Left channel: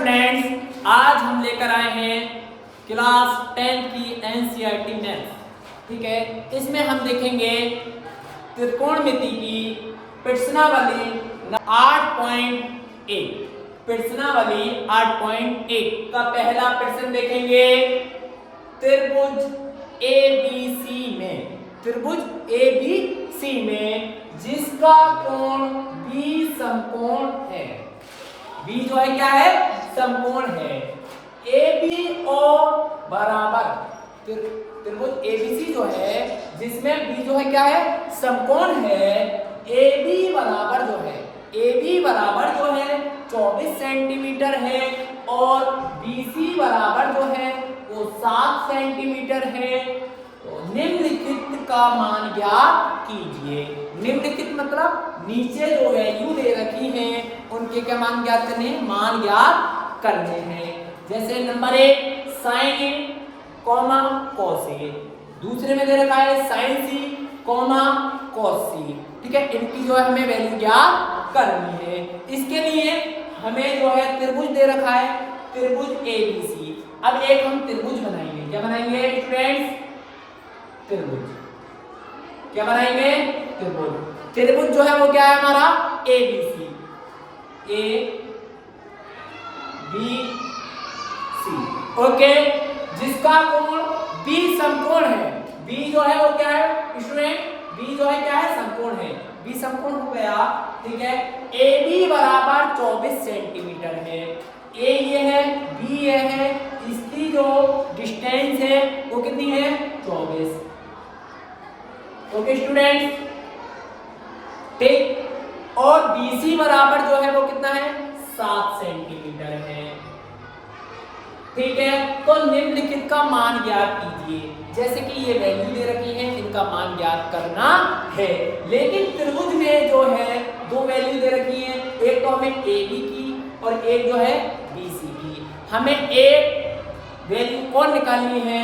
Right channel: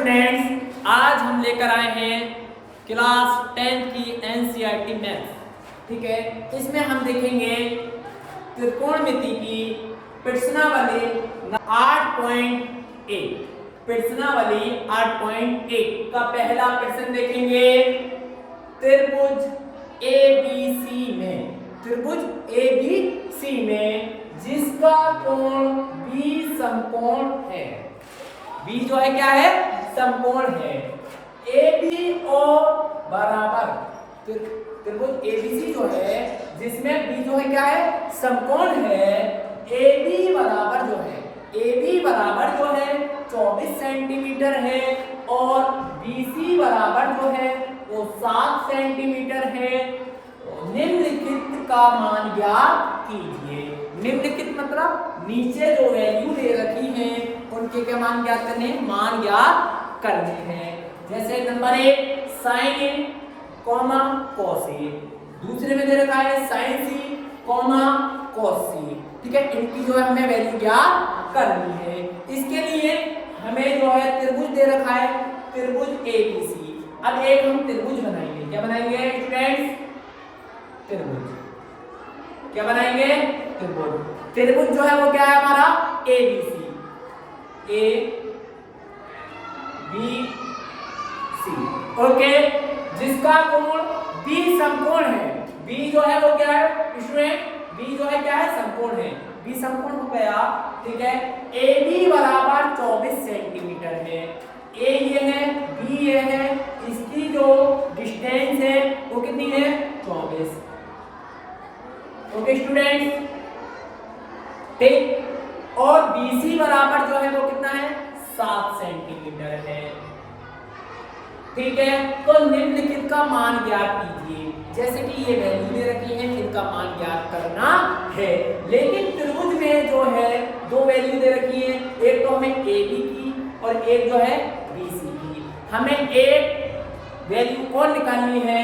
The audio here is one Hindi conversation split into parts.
स्टूडेंट्स, आज हम लेकर आए हैं क्लास 10 की एनसीईआरटी मैथ्स। ठीक है, इसमें हम देखेंगे त्रिकोणमिति की प्रश्नावली 8.1। प्रश्नावली 8.1 का पहला प्रश्न देखेंगे। त्रिभुज ABC में जिसका कोण B समकोण है। B जो है क्या है? समकोण है। AB और बराबर त्रिभुज ABC जो है जिसमें B जो है क्या है? समकोण है। AB बराबर जो है 24 सेंटीमीटर है और BC बराबर जो है वो 7 सेंटीमीटर है। तो निम्नलिखित का मान ज्ञात कीजिए। निम्नलिखित मतलब नीचे जो वैल्यू दे रखी है उनके क्या मान ज्ञात करने हैं? मान ज्ञात करने हैं। जैसे number 1 sin A, cos A। दूसरे में दे रखा है sin C, cos C। ठीक है, इनकी जो है हमें वैल्यू ज्ञात करनी है। इसके लिए हमें जो है त्रिभुज दे रखा है, त्रिभुज ABC। अब एक हम त्रिभुज बनाएंगे। क्या बनाएंगे स्टूडेंट्स? त्रिभुज। क्या बनाएंगे? त्रिभुज। त्रिभुज जो है वो क्या है हमारा? ABC, ABC। ओके, जिसका कोण B समकोण है। B जो है वो क्या है स्टूडेंट? B जो है क्या है? समकोण है। B समकोण हो गया। ठीक है, AB बराबर 24 सेंटीमीटर है। A ये है, B ये है, इसकी जो डिस्टेंस है वो कितनी है? 24। ओके स्टूडेंट्स, ठीक। और BC बराबर जो है वो कितना है? 7 सेंटीमीटर है। ठीक है, तो निम्नलिखित का मान ज्ञात कीजिए। जैसे कि ये वैल्यू दे रखी है, इनका मान ज्ञात करना है। लेकिन त्रिभुज में जो है दो वैल्यू दे रखी है, एक तो हमें AB की और एक जो है BC की। हमें एक वैल्यू और निकालनी है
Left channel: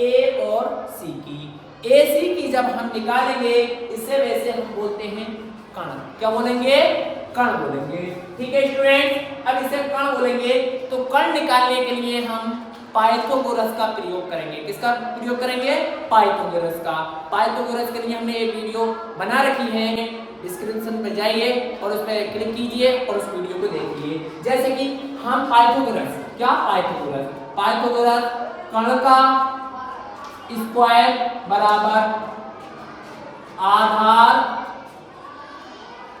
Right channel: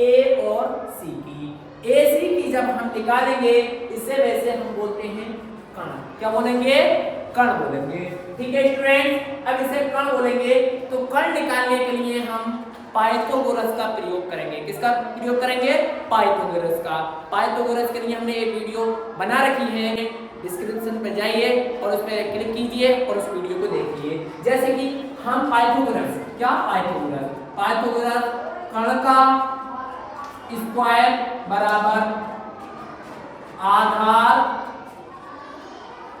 A और C की। AC की जब हम निकालेंगे इसे वैसे हम बोलते हैं कण। क्या बोलेंगे? कण बोलेंगे। ठीक है स्टूडेंट, अब इसे कण बोलेंगे तो कण निकालने के लिए हम पाइथागोरस का प्रयोग करेंगे। किसका प्रयोग करेंगे? पाइथागोरस का। पाइथागोरस के लिए हमने एक वीडियो बना रखी है, डिस्क्रिप्शन पर जाइए और उस पर क्लिक कीजिए और उस वीडियो को देखिए। जैसे कि हम पाइथागोरस, क्या पाइथागोरस कण का स्क्वायर बराबर आधार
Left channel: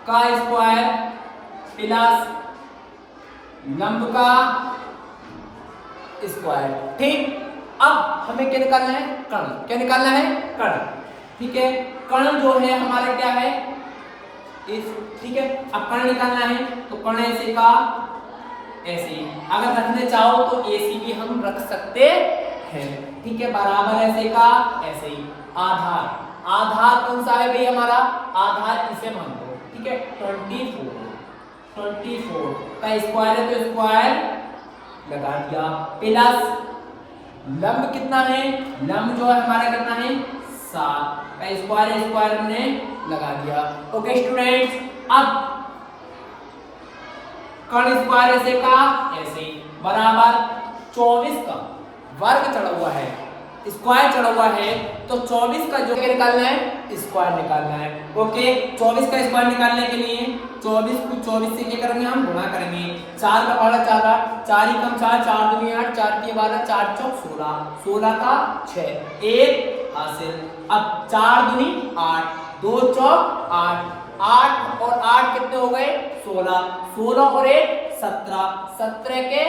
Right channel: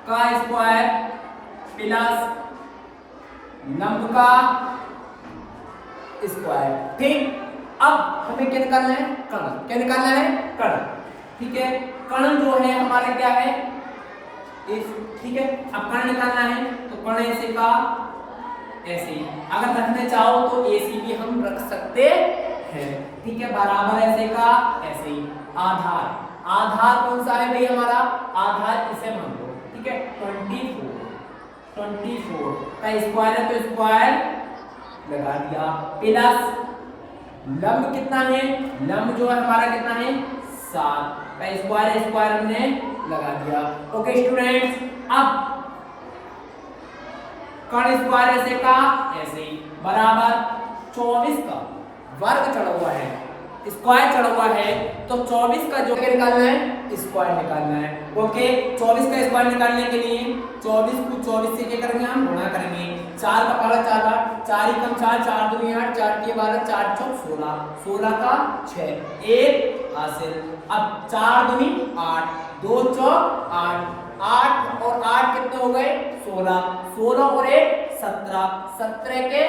का स्क्वायर प्लस लंब का स्क्वायर। ठीक, अब हमें क्या निकालना है? कण। क्या निकालना है? कण। ठीक है, कण जो है हमारा क्या है? ठीक है, अब कण निकालना है तो कण ऐसे का ऐसे, अगर रखने चाहो तो AC भी हम रख सकते हैं। ठीक है, बराबर ऐसे का ऐसे। आधार कौन सा है भाई हमारा? आधार इसे मान लो। ठीक है, 24 का स्क्वायर है तो स्क्वायर लगा दिया, प्लस लंब कितना है? लंब जो है हमारा कितना है? 7 का स्क्वायर हमने लगा दिया। ओके स्टूडेंट्स, अब कण स्क्वायर ऐसे का ऐसे बराबर 24 का वर्ग चढ़ा हुआ है, स्क्वायर चढ़ा हुआ है, तो 24 का जो निकालना है? स्क्वायर निकालना है। ओके, 24 का स्क्वायर निकालने के लिए 24 को 24 से क्या करेंगे? हम गुणा करेंगे। 4 का पहाड़ा 4, 4 ही कम 4, 4 दूनी 8, 4 की 12, 4 चौक 16, 16 का 6, 1 हासिल। अब 4 दूनी 8, 2 चौक 8, 8 और 8 कितने हो गए? 16, 16 और 1 17, 17 के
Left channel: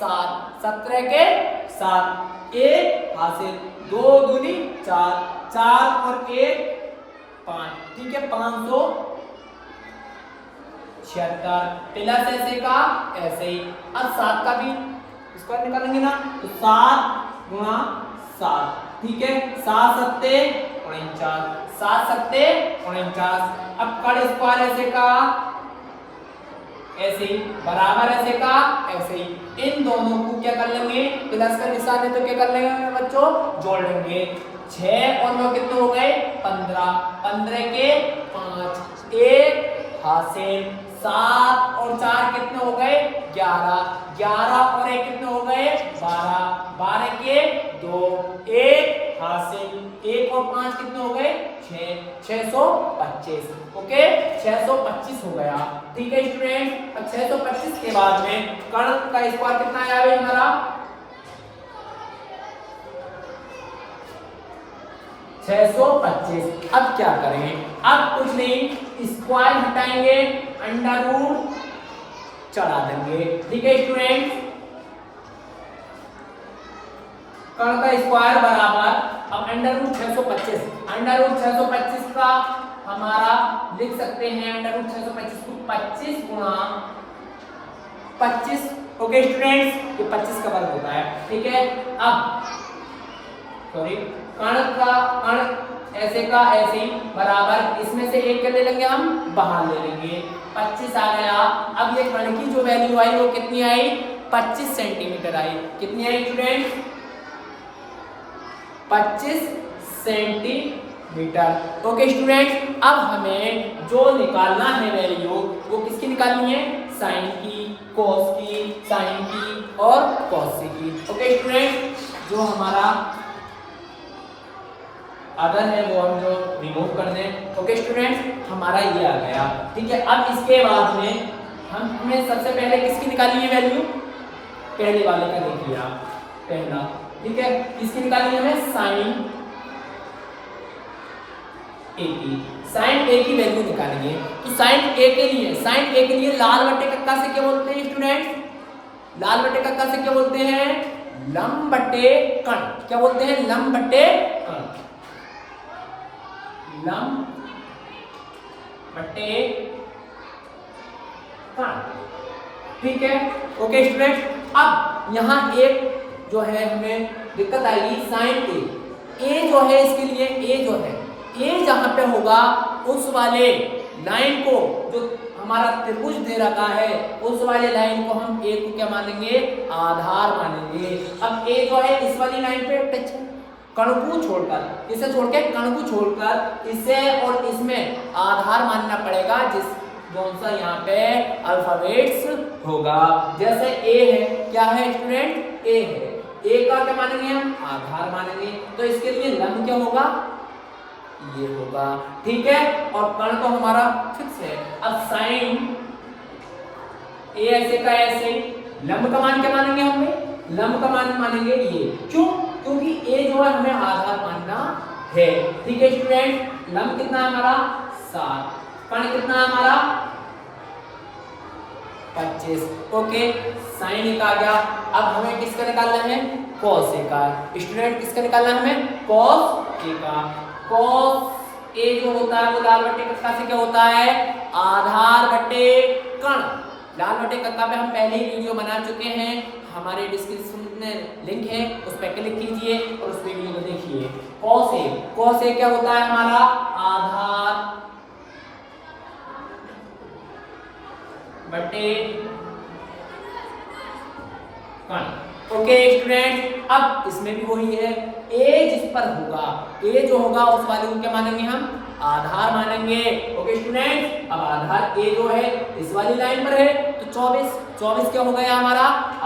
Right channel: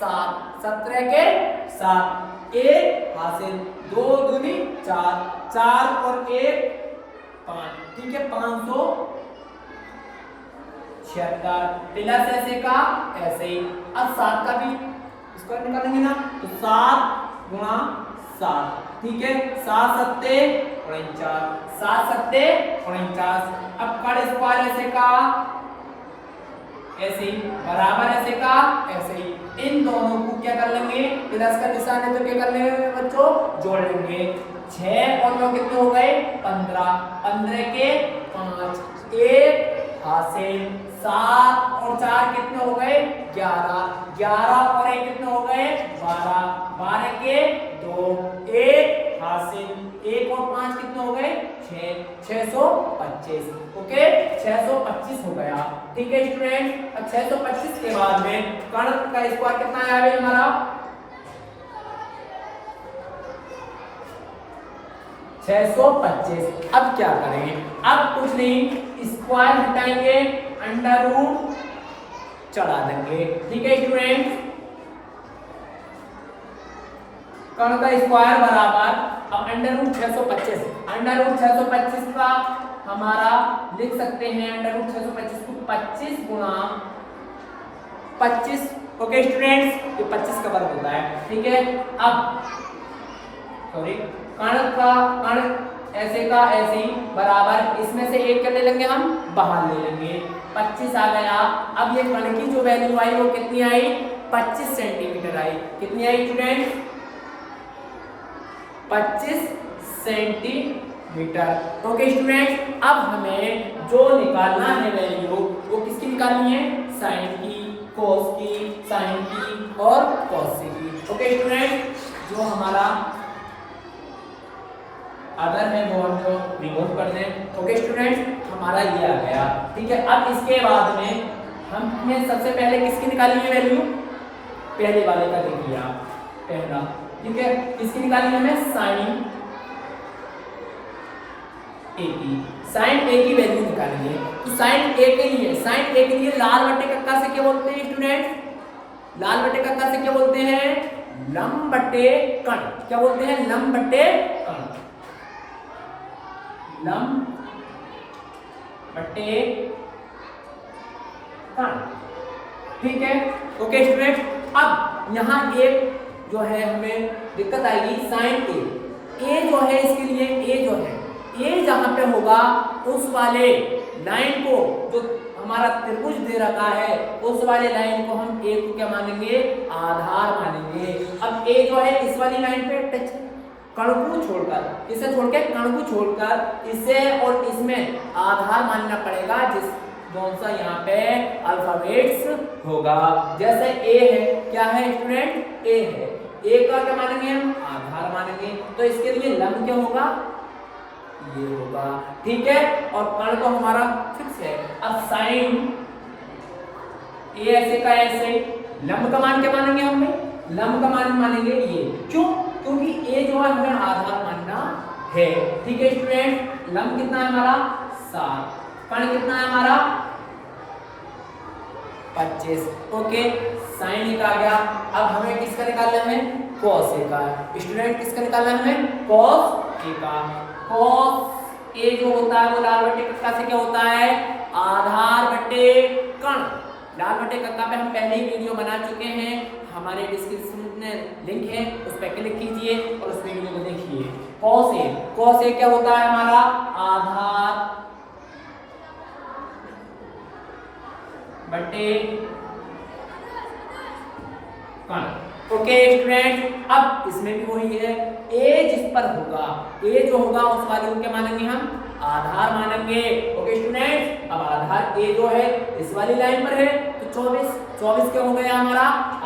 7, 17 के 7, 1 हासिल। 2 दूनी 4, 4 और 1 5। ठीक है, 576 प्लस ऐसे का ऐसे ही। अब 7 का भी स्क्वायर निकालेंगे ना, तो 7 गुणा 7। ठीक है, 7 सत्ते 49, 7 सत्ते 49। अब कण स्क्वायर ऐसे का ऐसे ही बराबर ऐसे का ऐसे ही। इन दोनों को क्या कर लेंगे? प्लस का निशान है तो क्या कर लेंगे बच्चों? जोड़ लेंगे। 6 और 9 कितने हो गए? 15, 15 के 5, 1 हासिल। 7 और 4 कितने हो गए 11, 11 और 1 कितने हो गए 12, 12 के 2, 1 हासिल, 1 और 5 कितने हो गए 6, 625। ओके 625 हो गया। ठीक है स्टूडेंट, अब 625 के बाद में कर्ण का स्क्वायर कितना आया है हमारा 625। अब क्या करें, अब कुछ नहीं स्क्वायर हटाएंगे अंडर रूट चढ़ा देंगे। ठीक है स्टूडेंट, कर्ण का स्क्वायर बराबर अब अंडर रूट 625, अंडर रूट 625 का हमारा लिख सकते हैं अंडर रूट 625 को 25 गुणा 25। ओके स्टूडेंट्स, ये 25 का वर्ग होता है। ठीक है, अब सॉरी कर्ण ऐसे का ऐसे ही बराबर इसमें से एक कर ले लेंगे, हम बाहर ले लेंगे, 25 आ गया। अब ये कर्ण की जो वैल्यू आई वो कितनी आई 25 सेंटीमीटर आई। कितनी I student 25 centimetre. Okay student, अब हमें जो निकालना है वैल्यू वो किसकी निकालनी है साइन की, कोस की, साइन की और कॉस की। ओके स्टूडेंट, जो हमारा अदर है वो हम जो रिमूव कर दें। ओके स्टूडेंट, हमारा ये आ गया। ठीक है, अब इसके बाद में हमने सबसे पहले किसकी निकाली है वैल्यू, पहले वाले का देखिए आप, पहला। ठीक है, किसकी निकाली है हमें साइन ए की, साइन ए की वैल्यू निकालेंगे। तो साइन ए के लिए, साइन ए के लिए लाल बटे कक्का से क्या बोलते हैं स्टूडेंट, लाल बटे कक्का से क्या बोलते हैं लंब बटे कर्ण। क्या बोलते हैं लंब बटे कर्ण, लंब बटे कर्ण। ठीक है, ओके स्टूडेंट, अब यहाँ एक जो है हमें दिक्कत आएगी साइन ए जो है इसके लिए ए जो है ए जहां पे होगा उस वाले लाइन को जो हमारा त्रिभुज दे रखा है उस वाले लाइन को हम ए को क्या मानेंगे आधार मानेंगे। अब ए जो है इस वाली लाइन पे टच कर्ण को छोड़कर, इसे छोड़ के कर्ण को छोड़कर इसे और इसमें आधार मानना पड़ेगा, जिस कौन सा यहाँ पे अल्फाबेट्स होगा। जैसे ए है, क्या है स्टूडेंट ए है, ए का क्या मानेंगे हम आधार मानेंगे, तो इसके लिए लंब क्या होगा ये होगा। ठीक है, और कर्ण तो हमारा फिक्स है। अब साइन ए ऐसे का ऐसे, लंब का मान क्या मानेंगे हम भाई, लंब का मान मानेंगे ये, क्यों क्योंकि ए जो है हमें आधार मानना है। ठीक है स्टूडेंट, लंब कितना है हमारा 7, कर्ण कितना है हमारा 25। ओके, साइन एक आ गया। अब हमें किसका निकालना है कॉस ए का। स्टूडेंट किसका निकालना है हमें कॉस ए का। कॉस ए जो होता है वो लाल बटे कक्का से क्या होता है आधार बटे कर्ण। लाल बटे कक्का पे हम पहले ही वीडियो बना चुके हैं, हमारे डिस्क्रिप्शन में लिंक है, उस पर क्लिक कीजिए और उस वीडियो को देखिए। कॉस ए क्या होता है हमारा आधार बटे कर्ण। ओके स्टूडेंट, अब इसमें भी वही है, ए जिस पर होगा ए जो होगा उस वाले को क्या मानेंगे हम आधार मानेंगे। ओके स्टूडेंट, अब आधार ए जो है इस वाली लाइन पर है तो 24 क्या हो गया हमारा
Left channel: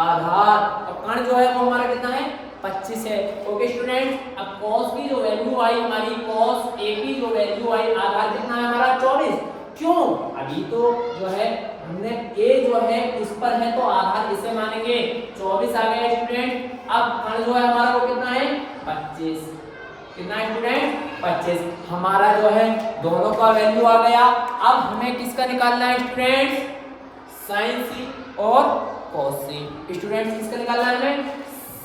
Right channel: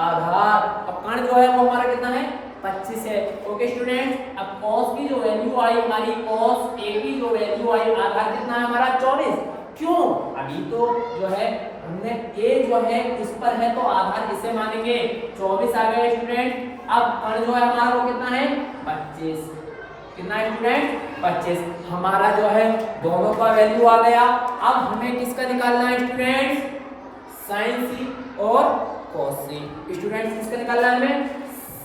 आधार। अब कर्ण जो है वो हमारा कितना है 25 है। ओके स्टूडेंट, अब कॉस की जो वैल्यू आई हमारी, कॉस ए की जो वैल्यू आई आधार कितना है हमारा 24। क्यों, अभी तो जो है हमने ए जो है इस पर है तो आधार इसे मानेंगे, 24 आ गए स्टूडेंट। अब कर्ण जो है हमारा वो कितना है 25, कितना है स्टूडेंट 25। हमारा जो है दोनों का वैल्यू आ गया। अब हमें किसका निकालना है स्टूडेंट साइन सी और कॉस सी। स्टूडेंट किसका निकालना है हमें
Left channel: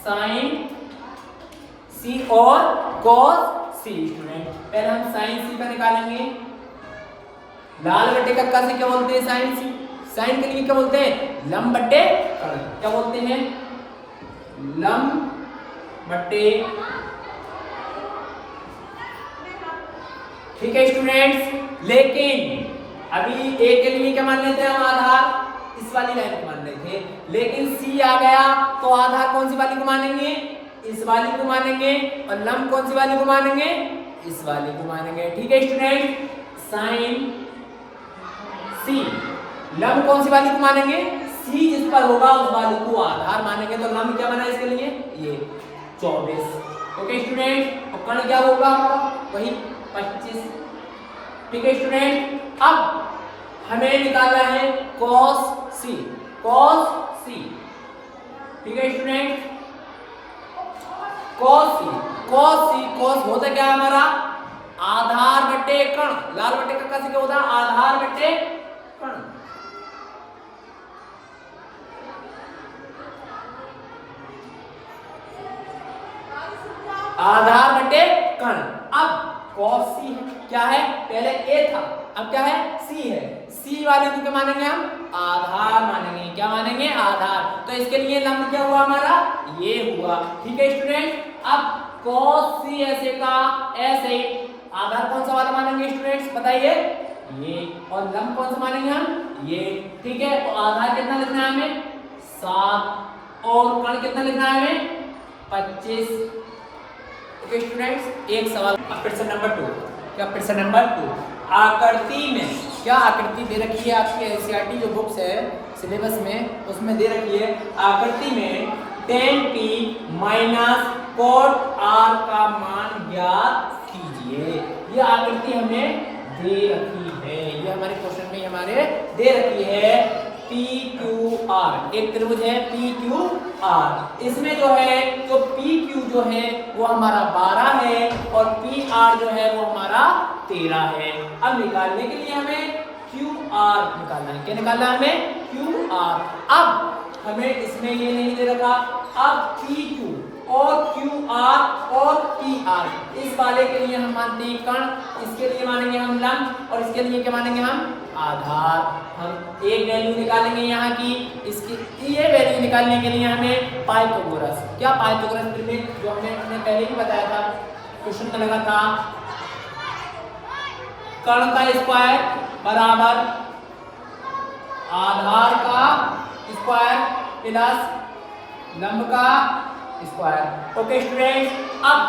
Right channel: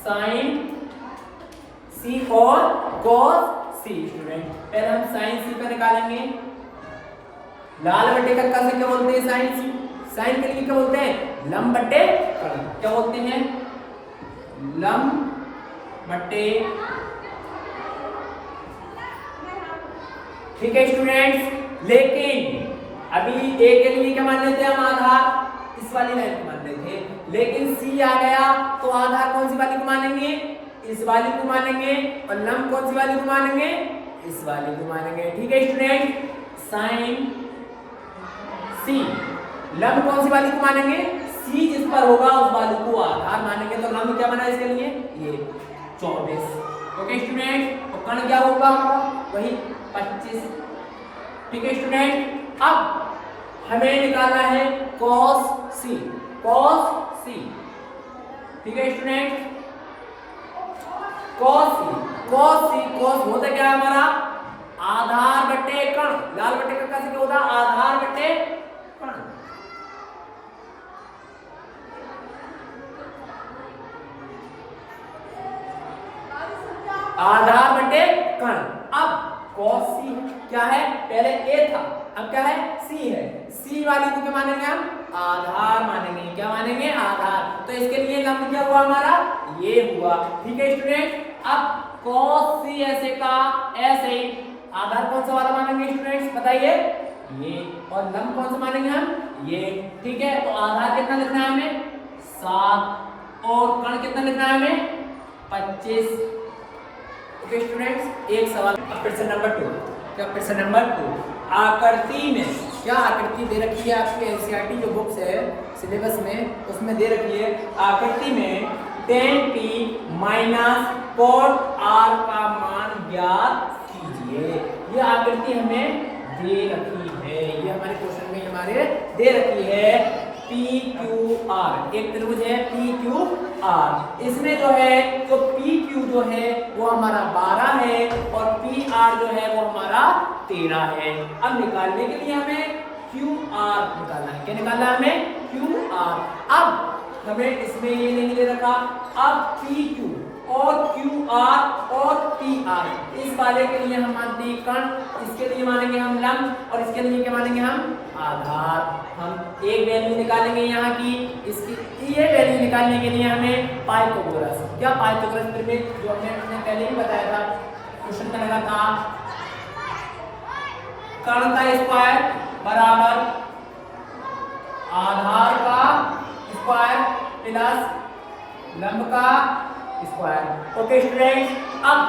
साइन सी और कॉस सी। स्टूडेंट पहले हम साइन सी का निकालेंगे, लाल बटे कक्का से क्या बोलते हैं साइन सी, साइन के लिए क्या बोलते हैं लंब बटे कर्ण। क्या बोलते हैं लंब बटे। ठीक है स्टूडेंट्स, लेकिन अभी ए के लिए क्या मान लेते हैं हम आधार इस वाली लाइन को मान रहे थे, लेकिन सी आ गया तो आधार कौन सी वाली को मानेंगे इस वाली को मानेंगे, और लंब कौन सी वाली को मानेंगे इस वाली को मानेंगे। ठीक है स्टूडेंट, साइन सी लंब कौन सी वाली को मानेंगे, सी जिस पर होगा उस वाली को आधार मानेंगे। तो लंब क्या बना इसके लिए, ये 24। ओके स्टूडेंट, और कण क्या होगा हमारा, वही 25। ठीक है स्टूडेंट, अब हमें निकालना है cos c, cos c। ठीक है student, cos c, cos c, cos होता क्या है हमारा, आधार बटे कण, लाल बटे का कैसे क्या होता है, आधार बटे कण। आधार बटे कण। अब cos c क्या है, पहले a था, अब क्या है, c है। c वाली को क्या मानेंगे हम, आधार मानेंगे। क्या मानेंगे, आधार। तो इसके लिए लंब क्या हुआ हमारा, ये हुआ। ठीक है स्टूडेंट, अब cos c ऐसे का ऐसे, आधार कौन सा वाला मानेंगे स्टूडेंट्स बताइए, ये, और लंब कौन सा मानेंगे हम, ये। ठीक है, तो आधार कितना लिखना है हमें, 7, और कण कितना लिखना है हमें, 25। ओके स्टूडेंट्स, एक सवाल अब प्रश्न नंबर 2। क्या प्रश्न नंबर 2, आकृति में, क्या आकृति दे रखी है आपकी एनसीईआरटी जो बुक्स है सिलेबस में, उसमें दे रखी है आकृति में tan p minus cot r का मान ज्ञात कीजिए। ये आकृति हमें दे रखी है, ये हमारे क्वेश्चन में हमारे दे रखी है PQR, एक त्रिभुज है PQR। इसमें जो है तो PQ जो है वो हमारा 12 है और PR जो है वो हमारा 13 है। अब निकालने के लिए हमें QR निकालना है। क्या निकालना है हमें, QR। अब हमें इसमें ये नहीं दे रखा, अब PQ और QR और PR, इस वाले के लिए हम मानते हैं कण, इसके लिए मानेंगे हम लंब, और इसके लिए क्या मानेंगे हम, आधार। हम एक वैल्यू निकालेंगे यहाँ की, इसकी ये वैल्यू निकालने के लिए हमें पाइथागोरस, क्या पाइथागोरस त्रिभुज जो हमने पहले भी बताया था, क्वेश्चन में लगा था, कण का स्क्वायर बराबर आधार का स्क्वायर प्लस लंब का स्क्वायर। ओके स्टूडेंट, अब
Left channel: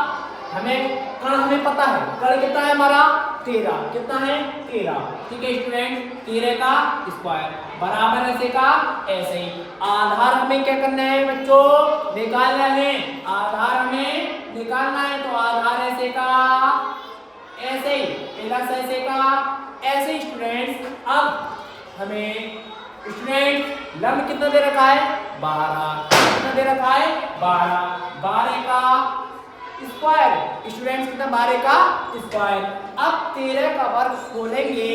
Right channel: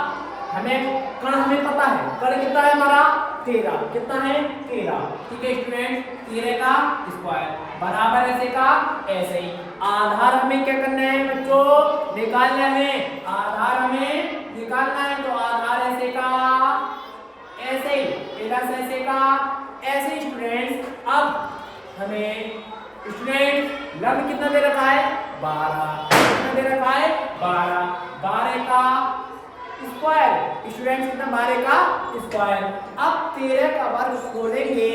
हमें कण हमें पता है, कण कितना है हमारा, 13, कितना है 13। ठीक है स्टूडेंट, 13 का स्क्वायर बराबर ऐसे का ऐसे ही। आधार हमें क्या करना है बच्चों, निकालना है, आधार हमें निकालना है। तो आधार ऐसे का ऐसे ही, प्लस ऐसे का ऐसे। स्टूडेंट्स, अब हमें स्टूडेंट लंब कितना दे रखा है, 12, कितना दे रखा है, 12, 12 का स्क्वायर। स्टूडेंट्स कितना, 12 का स्क्वायर। अब 13 का वर्ग खोलेंगे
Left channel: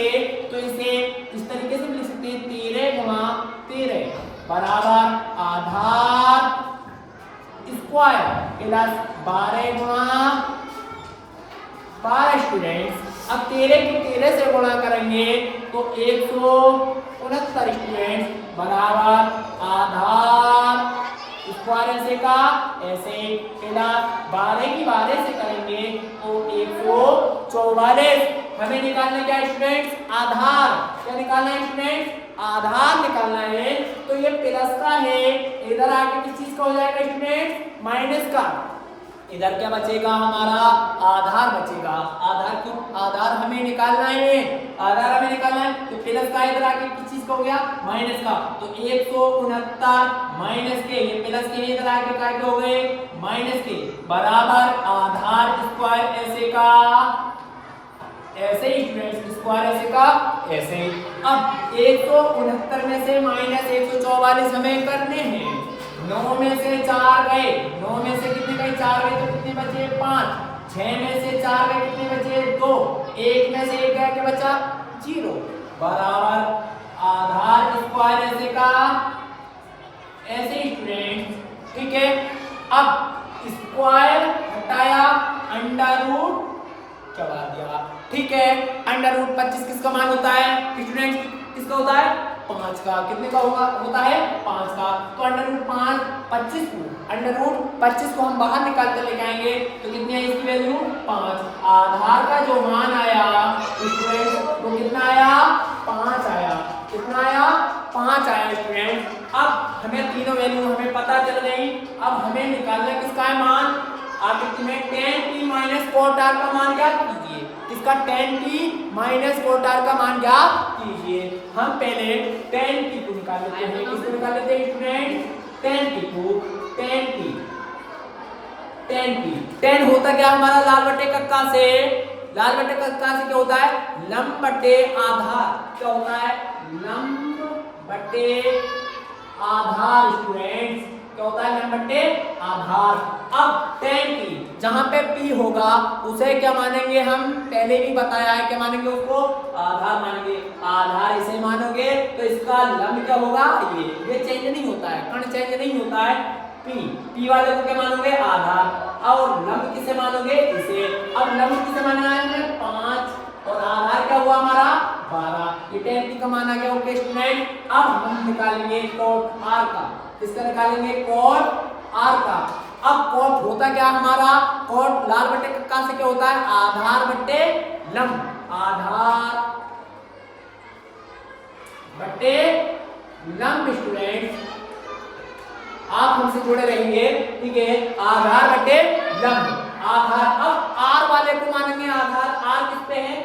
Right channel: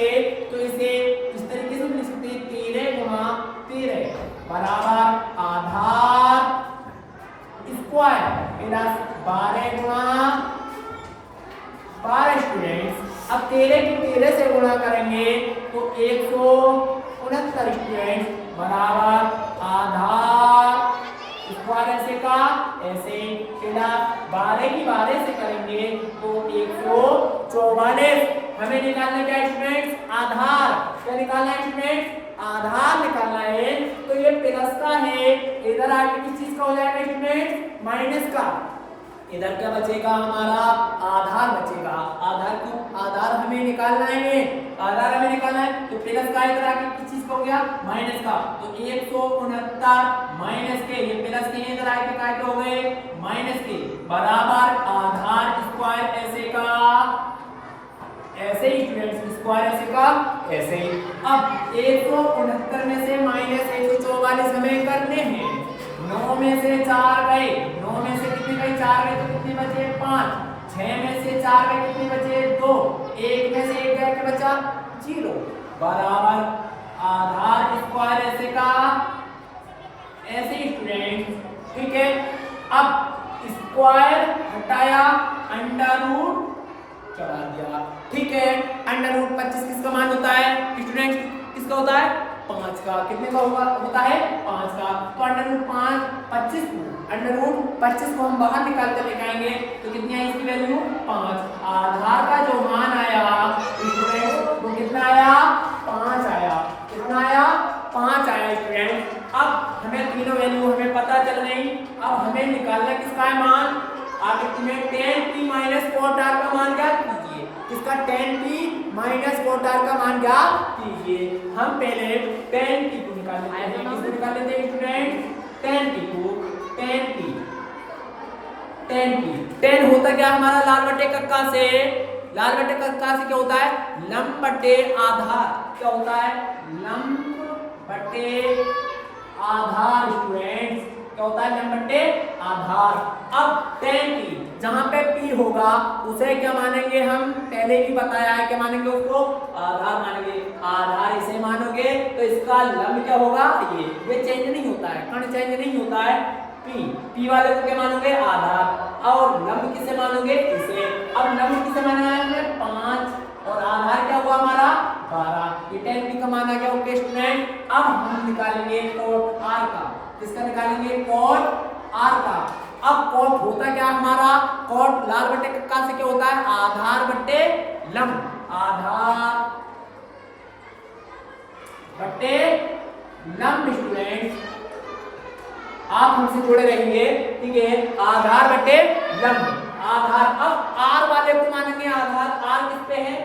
तो इसे इस तरीके से लिख सकते हैं, 13 गुणा 13 बराबर आधार स्क्वायर प्लस 12 गुणा 12। स्टूडेंट्स, अब 13 की 13 से गुणा करेंगे तो 169 स्टूडेंट्स बराबर आधार स्क्वायर ऐसे का ऐसे प्लस 12 की 12 से करेंगे तो 144। हमें निकालना क्या स्टूडेंट्स, आधार। क्या निकालना है स्टूडेंट्स, आधार निकालना है। तो ये प्लस का है, इधर आके किस चीज का हो जाएगा स्टूडेंट्स, माइनस का। इधर क्या बचेगा हमारा, आधार बचेगा। आधार क्यों, आधार हमें निकालना है, आधार हमें निकालना है। तो प्लस का इधर आके किस चीज का हो गया, माइनस का। तो 169 माइनस के, ये प्लस के इधर आके क्या हो गए, माइनस के बराबर आधार स्क्वायर ऐसे का ऐसे ही। स्टूडेंट्स, स्क्वायर ऐसे का ऐसे ही। अब 169 में से माइनस 144 हमें करने हैं। 9 में से 4 गए, 9 में से कितने गए, 4 गए तो कितने बचे, 5। 6 में से 4 गए कितने बचे, 2। 1 में से 1 गया क्या बचा, 0 बराबर आधार स्क्वायर ऐसे का ऐसे। स्टूडेंट ठीक है, अब स्क्वायर हटाया, अंडर रूट चढ़ा दिया। ठीक है, अंडर रूट 25 किसका मान होता है स्टूडेंट, किसका होता है, 5 का। कितने का होता है, 5 का। तो अंडर रूट 5 25 को, अंडर रूट 25 को हम बाहर निकाल कर लेके आएंगे तो कितनी आई इसकी वैल्यू, 5। आधार का जो मान आया स्टूडेंट वो कितना आया, 5 आया। कितना आया, 5 आया स्टूडेंट। अब हमें तीनों वैल्यू हमें पता चल गई। अब हमें निकालना किसका है मान, आकृति में tan p minus cot r का मान ज्ञात कीजिए। किसका, tan p minus cot R का मान ज्ञात कीजिए। हम पहले tan p को निकाल लेते हैं। किसको निकाल लेते हैं स्टूडेंट? tan p को। tan tan होता क्या हमारा लाल बटे कक्का से? लाल बटे कक्का से क्या होता है? लंब बटे आधार। क्या होता है? लंब बटे आधार स्टूडेंट्स। क्या होता है? लंब बटे आधार। अब tan p जहां पे p होगा उसे क्या मानेंगे हम? पहले भी बताया है, क्या मानेंगे उसको? आधार मानेंगे। आधार इसे मानोगे तो इसका लंब क्या होगा? ये चेंज नहीं होता है, कण चेंज नहीं होता है। p वाले को क्या मानोगे? आधार। और लंब किसे मानोगे? इसे। अब लंब किसे माना है? 5 और आधार क्या हुआ हमारा? 12। ये tan p का मान आ गया। ओके स्टूडेंट, अब हम निकालेंगे कोट r का। किसका निकालेंगे? कोट r का। अब कोट होता क्या हमारा? कोट लाल बटे कक्का से क्या होता है? आधार बटे लंब। आधार बटे लंब स्टूडेंट, आप हमसे जुड़े रहेंगे, ठीक है? आधार बटे लंब। आधार, अब r वाले को मानेंगे आधार। r किस पे है?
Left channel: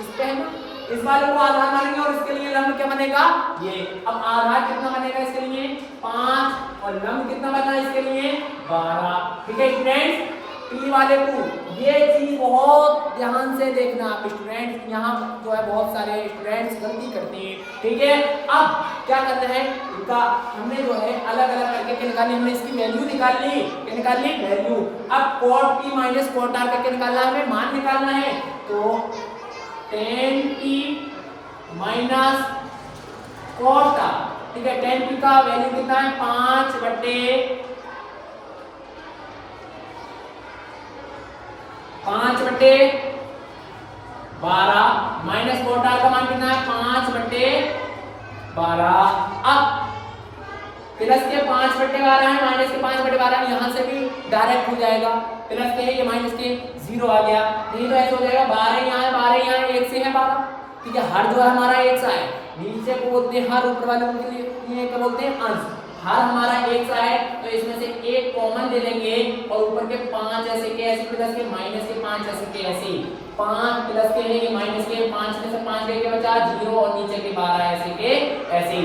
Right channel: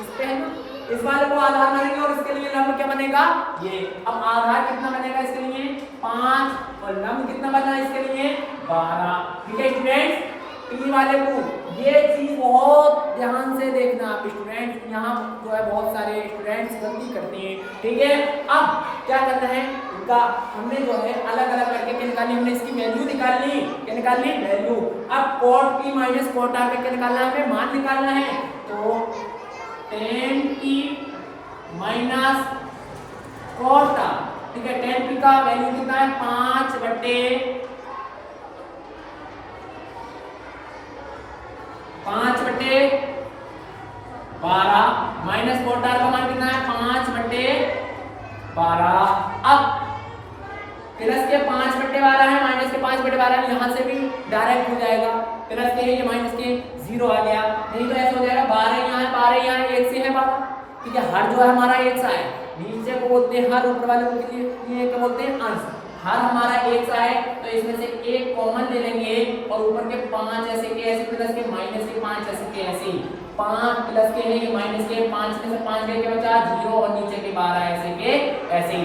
इस पे है ना। इस वाले को आधार मानेंगे और इसके लिए लंब क्या बनेगा? ये। अब आधार कितना बनेगा इसके लिए? 5 और लंब कितना बना इसके लिए? 12। ठीक है स्टूडेंट्स, p वाले को ये चीज बहुत ध्यान से देखना आप स्टूडेंट्स। यहाँ जो है बहुत सारे स्टूडेंट्स गलती करते हैं, ठीक है? अब क्या करते हैं, इनका हमने जो है अलग अलग करके क्या निकाली? हमने इसकी वैल्यू निकाल ली। क्या निकाल ली? वैल्यू। अब cot p minus cot r का क्या निकालना है? हमें मान निकालना है। तो tan p minus cot r, ठीक है? tan p का वैल्यू कितना है? 5 बटे 12 माइनस कोट r का मान कितना है? 5 बटे 12। अब प्लस के 5 बटे 12 है, माइनस के 5 बटे 12 है। यहाँ से भी डायरेक्ट हो जाएगा। प्लस के है ये, माइनस के 0 आ गया। नहीं तो ऐसे हो जाएगा 12 यहाँ है, 12 यहाँ है, 1 से है 12। ठीक है, हर जो है हमारा 1 सा है। नीचे को बोलते हैं हर, ऊपर वाले को लिए क्या बोलते हैं? अंश। हर हमारा 1 सा है तो इसमें से एक कॉमन ले लेंगे और ऊपर के 5 ऐसे के ऐसे, प्लस के माइनस के 5 ऐसे के ऐसे। 5 प्लस के है ये, माइनस के 5 में से 5 गए, क्या बचा? 0 और नीचे के 12 ऐसे के ऐसे।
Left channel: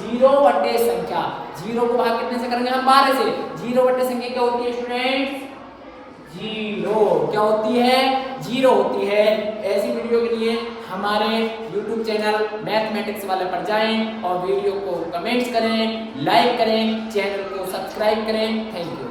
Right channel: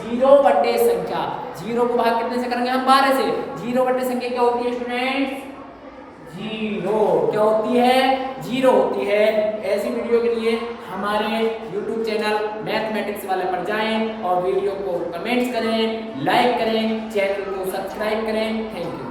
0 बटे संख्या, 0 को भाग कितने से करेंगे हम? 12 से। 0 बटे संख्या क्या होती है स्टूडेंट्स? 0। क्या होती है? 0 होती है। ऐसी वीडियो के लिए हमारे YouTube चैनल मैथमेटिक्स वाले पर जाएं और वीडियो को कमेंट्स करें, लाइक करें, चैनल को सब्सक्राइब करें। Thank you.